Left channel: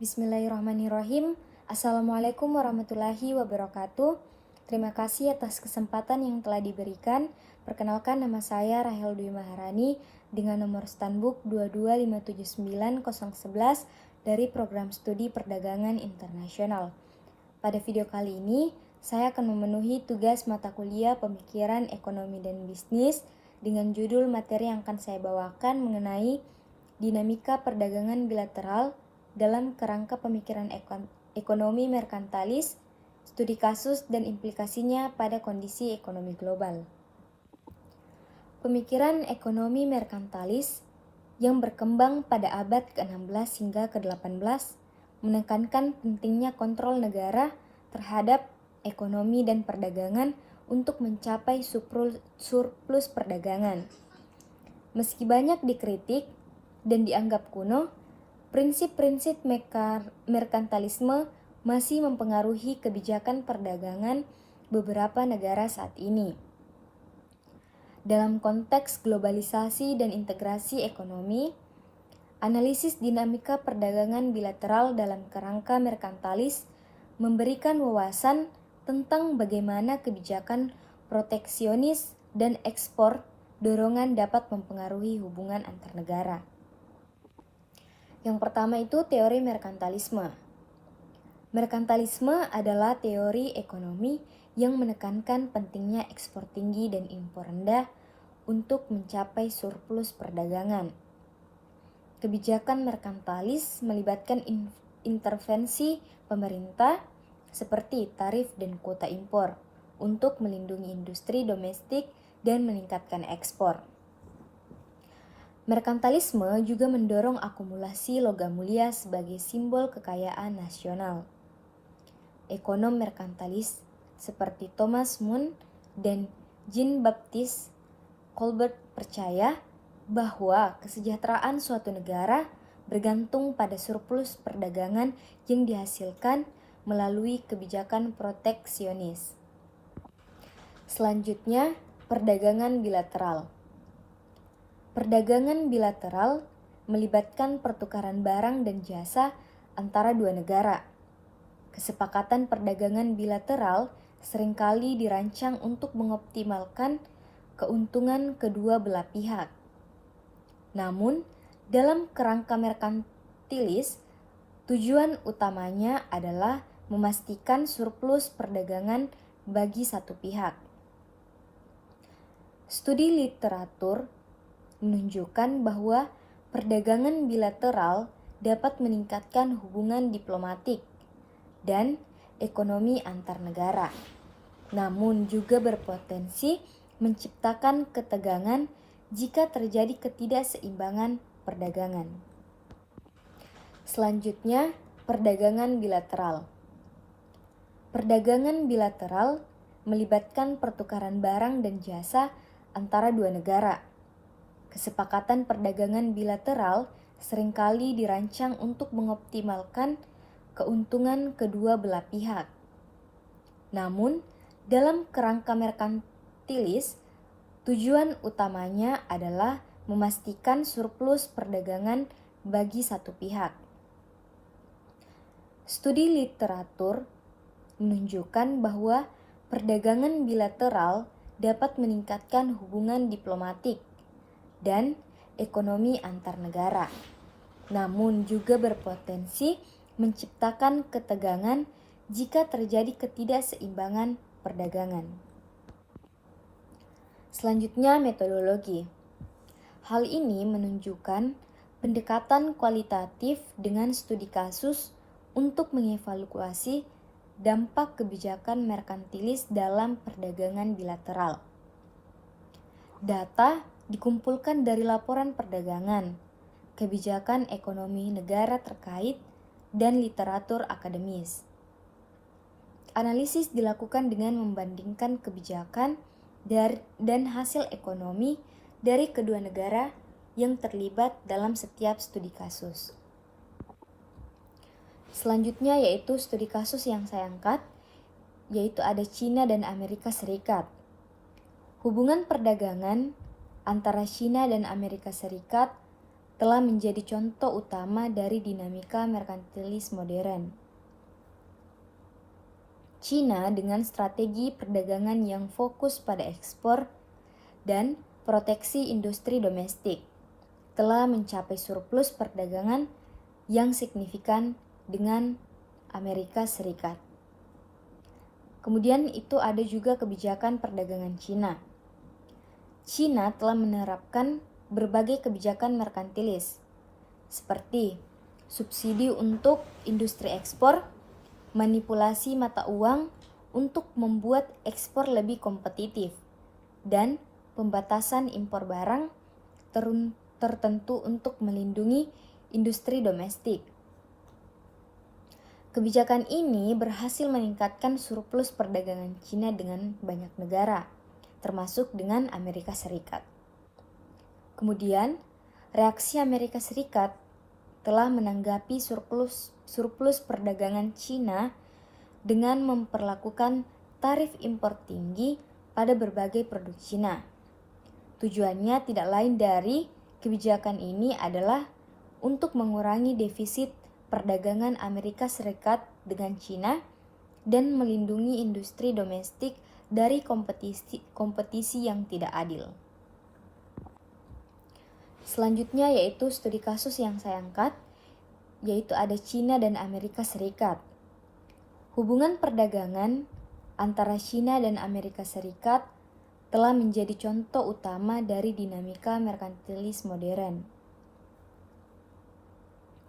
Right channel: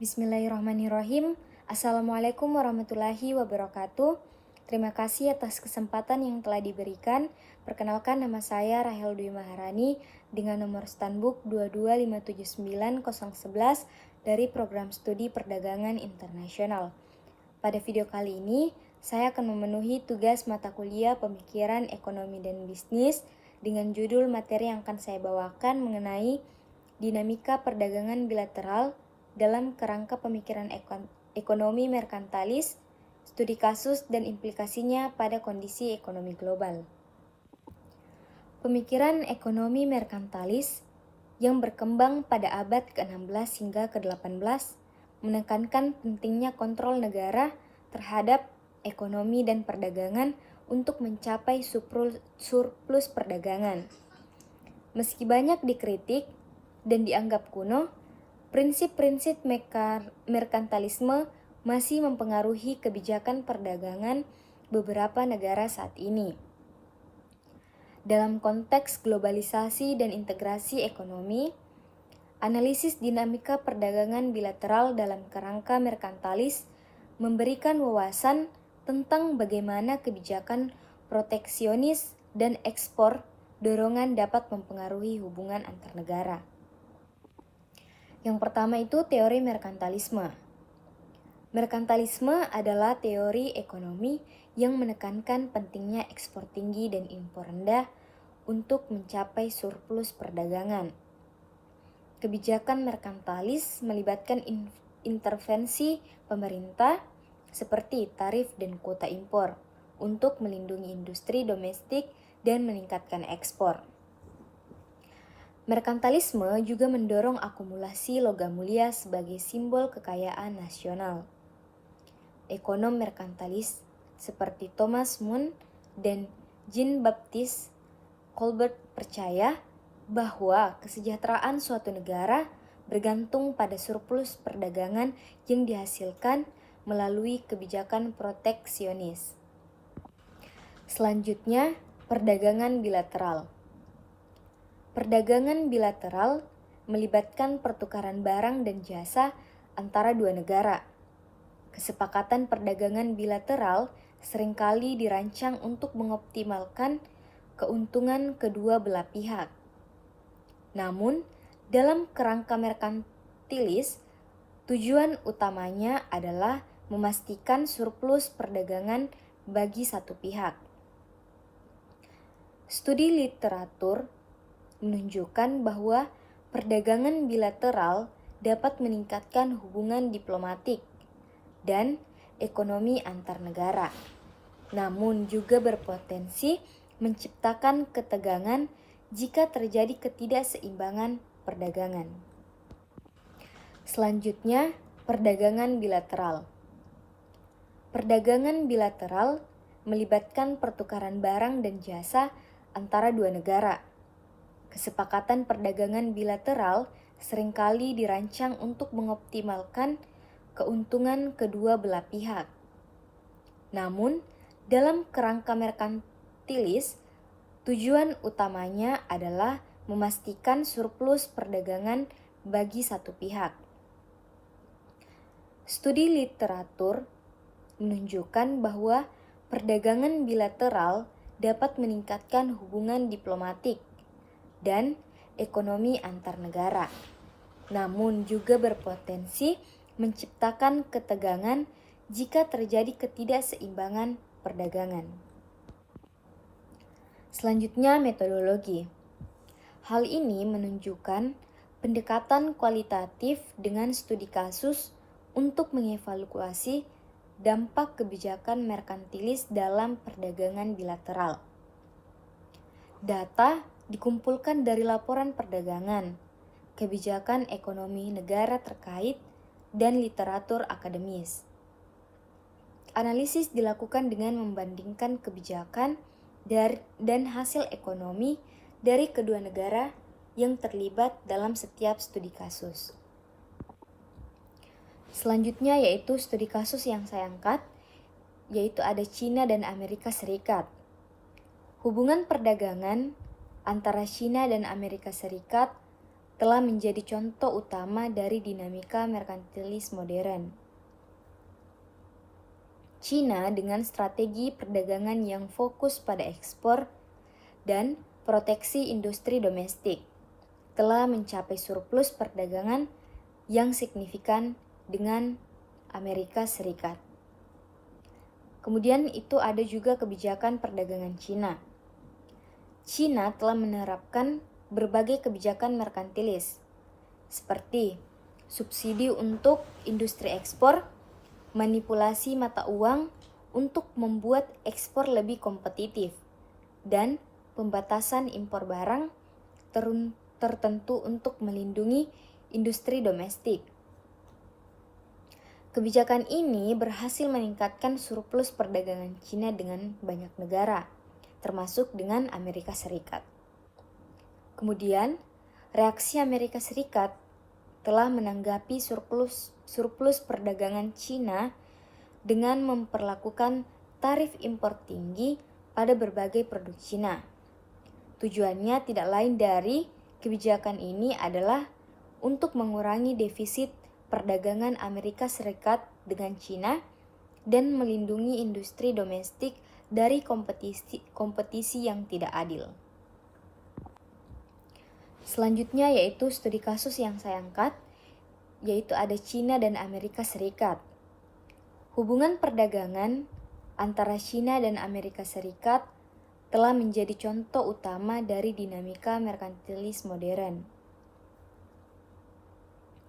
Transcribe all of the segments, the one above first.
Bismillahirrahmanirrahim. Assalamualaikum warahmatullahi wabarakatuh. Terima kasih atas kesempatan yang telah diberikan. Perkenalkan, nama saya Rahel Dwi Maharani dengan nomor Stanbook 22579-011 dari Program Studi Perdagangan Internasional. Pada video kali ini, saya akan memenuhi tugas mata kuliah Pemikiran Ekonomi dan Bisnis dengan judul materi yang akan saya bawakan mengenai dinamika perdagangan bilateral dalam kerangka pemikiran ekonomi merkantilis, studi kasus dan implikasinya pada kondisi ekonomi global. Pemikiran ekonomi merkantilis yang berkembang pada abad ke-16 hingga ke-18 menekankan pentingnya kontrol negara terhadap ekonomi dan perdagangan untuk mencapai surplus perdagangan. Meski banyak dikritik dan dianggap kuno, prinsip-prinsip merkantilisme masih mempengaruhi kebijakan perdagangan beberapa negara saat ini. Dalam konteks globalisasi dan integrasi ekonomi, analisis dinamika perdagangan bilateral dalam kerangka merkantilis memberikan wawasan tentang bagaimana kebijakan proteksionis dan ekspor dorongan dapat mempengaruhi hubungan antar negara. Yang pertama itu teori merkantilisme. Merkantilisme adalah teori ekonomi yang menekankan pentingnya ekspor tinggi dan impor rendah untuk mencapai surplus perdagangan. Kebijakan merkantilis melibatkan intervensi pemerintah seperti tarif dan kuota impor untuk melindungi industri domestik dan meningkatkan ekspor. Merkantilisme juga mendorong akumulasi logam mulia sebagai simbol kekayaan nasional. Ekonom merkantilis seperti Thomas Mun dan Jean-Baptiste Colbert percaya bahwa kesejahteraan suatu negara bergantung pada surplus perdagangan yang dihasilkan melalui kebijakan proteksionis. Selanjutnya, perdagangan bilateral. Perdagangan bilateral melibatkan pertukaran barang dan jasa antara dua negara. Kesepakatan perdagangan bilateral seringkali dirancang untuk mengoptimalkan keuntungan kedua belah pihak. Namun, dalam kerangka merkantilis, tujuan utamanya adalah memastikan surplus perdagangan bagi satu pihak. Studi literatur menunjukkan bahwa perdagangan bilateral dapat meningkatkan hubungan diplomatik dan ekonomi antar negara, namun juga berpotensi menciptakan ketegangan jika terjadi ketidakseimbangan perdagangan. Selanjutnya, perdagangan bilateral. Perdagangan bilateral melibatkan pertukaran barang dan jasa antara dua negara. Kesepakatan perdagangan bilateral seringkali dirancang untuk mengoptimalkan keuntungan kedua belah pihak. Namun, dalam kerangka merkantilis, tujuan utamanya adalah memastikan surplus perdagangan bagi satu pihak. Studi literatur menunjukkan bahwa perdagangan bilateral dapat meningkatkan hubungan diplomatik dan ekonomi antar negara, namun juga berpotensi menciptakan ketegangan jika terjadi ketidakseimbangan perdagangan. Selanjutnya, metodologi. Hal ini menunjukkan pendekatan kualitatif dengan studi kasus untuk mengevaluasi dampak kebijakan merkantilis dalam perdagangan bilateral. Data dikumpulkan dari laporan perdagangan, kebijakan ekonomi negara terkait, dan literatur akademis. Analisis dilakukan dengan membandingkan kebijakan dan hasil ekonomi dari kedua negara yang terlibat dalam setiap studi kasus. Selanjutnya yaitu studi kasus yang saya angkat, yaitu ada Cina dan Amerika Serikat. Hubungan perdagangan antara Cina dan Amerika Serikat telah menjadi contoh utama dari dinamika merkantilis modern. Cina dengan strategi perdagangan yang fokus pada ekspor dan proteksi industri domestik telah mencapai surplus perdagangan yang signifikan dengan Amerika Serikat. Kemudian itu ada juga kebijakan perdagangan Cina. Cina telah menerapkan berbagai kebijakan merkantilis seperti subsidi untuk industri ekspor, manipulasi mata uang untuk membuat ekspor lebih kompetitif, dan pembatasan impor barang tertentu untuk melindungi industri domestik. Kebijakan ini berhasil meningkatkan surplus perdagangan Cina dengan banyak negara, termasuk dengan Amerika Serikat. Kemudian, reaksi Amerika Serikat telah menanggapi surplus perdagangan Cina dengan memperlakukan tarif impor tinggi pada berbagai produk Cina. Tujuannya tidak lain dari kebijakan ini adalah untuk mengurangi defisit perdagangan Amerika Serikat dengan Cina dan melindungi industri domestik dari kompetisi yang tidak adil. Selanjutnya yaitu studi kasus yang saya angkat, yaitu ada Cina dan Amerika Serikat. Hubungan perdagangan antara Cina dan Amerika Serikat telah menjadi contoh utama dari dinamika merkantilis modern.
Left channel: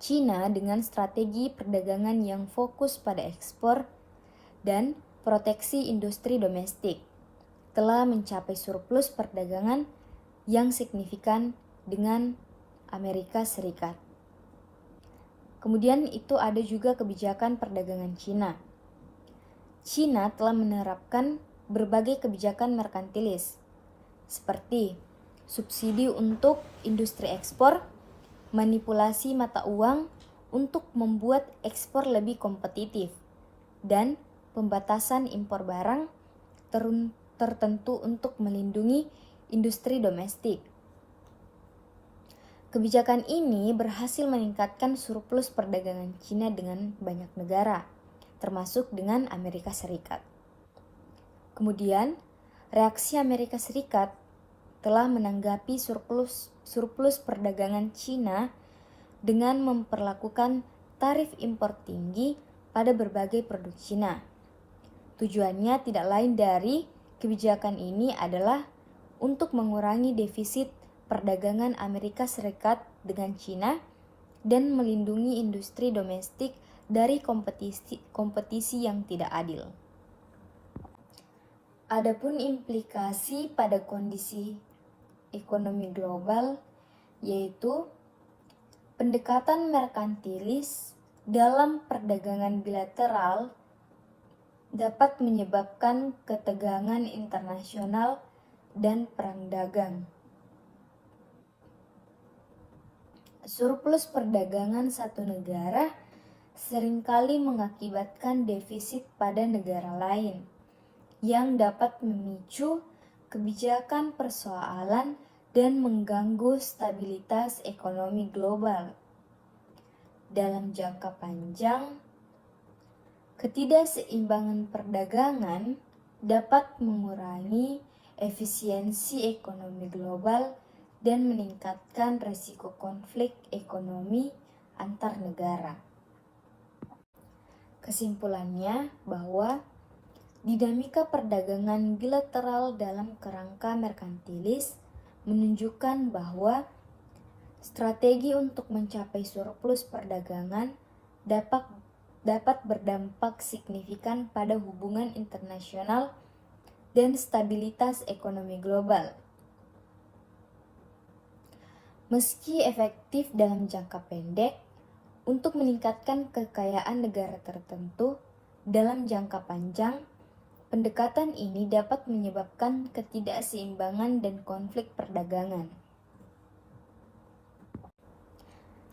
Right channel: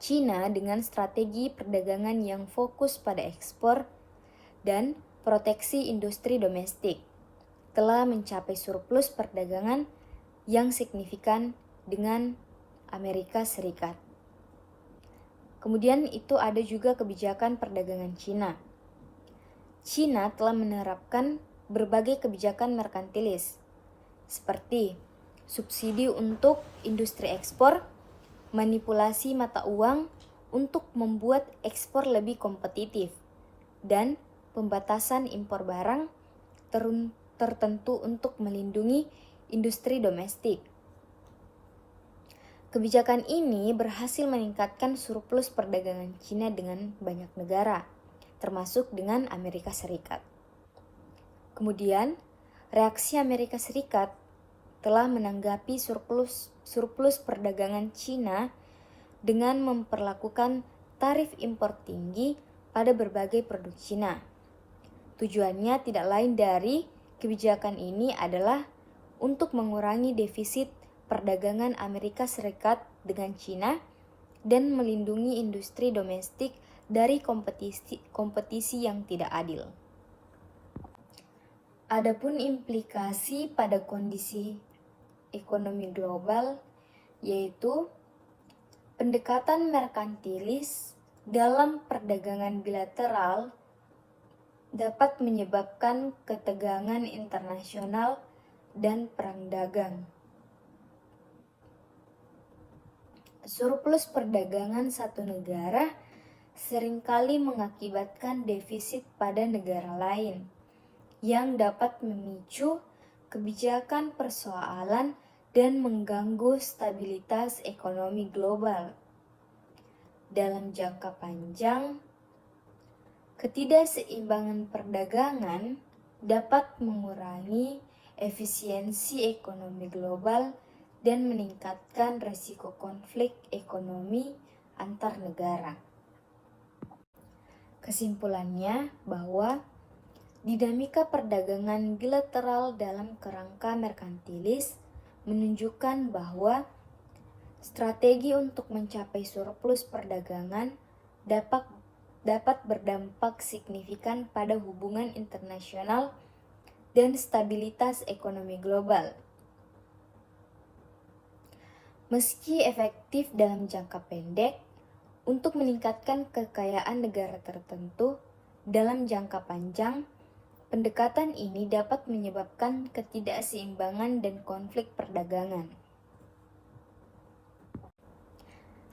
Cina dengan strategi perdagangan yang fokus pada ekspor dan proteksi industri domestik telah mencapai surplus perdagangan yang signifikan dengan Amerika Serikat. Kemudian itu ada juga kebijakan perdagangan Cina. Cina telah menerapkan berbagai kebijakan merkantilis seperti subsidi untuk industri ekspor, manipulasi mata uang untuk membuat ekspor lebih kompetitif, dan pembatasan impor barang tertentu untuk melindungi industri domestik. Kebijakan ini berhasil meningkatkan surplus perdagangan Cina dengan banyak negara, termasuk dengan Amerika Serikat. Kemudian, reaksi Amerika Serikat telah menanggapi surplus perdagangan Cina dengan memperlakukan tarif impor tinggi pada berbagai produk Cina. Tujuannya tidak lain dari kebijakan ini adalah untuk mengurangi defisit perdagangan Amerika Serikat dengan Cina dan melindungi industri domestik dari kompetisi yang tidak adil. Adapun implikasi pada kondisi ekonomi global yaitu pendekatan merkantilis dalam perdagangan bilateral dapat menyebabkan ketegangan internasional dan perang dagang. Surplus perdagangan satu negara seringkali mengakibatkan defisit pada negara lain yang dapat memicu kebijakan persoalan dan mengganggu stabilitas ekonomi global. Dalam jangka panjang, ketidakseimbangan perdagangan dapat mengurangi efisiensi ekonomi global dan meningkatkan risiko konflik ekonomi antar negara. Kesimpulannya bahwa dinamika perdagangan bilateral dalam kerangka merkantilis menunjukkan bahwa strategi untuk mencapai surplus perdagangan dapat berdampak signifikan pada hubungan internasional dan stabilitas ekonomi global. Meski efektif dalam jangka pendek untuk meningkatkan kekayaan negara tertentu, dalam jangka panjang pendekatan ini dapat menyebabkan ketidakseimbangan dan konflik perdagangan.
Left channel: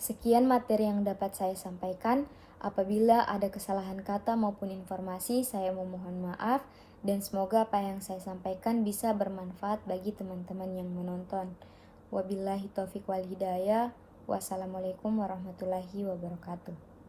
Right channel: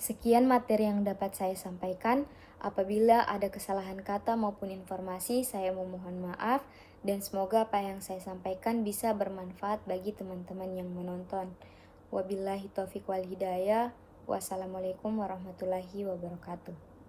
Sekian materi yang dapat saya sampaikan. Apabila ada kesalahan kata maupun informasi, saya memohon maaf dan semoga apa yang saya sampaikan bisa bermanfaat bagi teman-teman yang menonton. Wabillahi taufiq wal hidayah. Wassalamualaikum warahmatullahi wabarakatuh.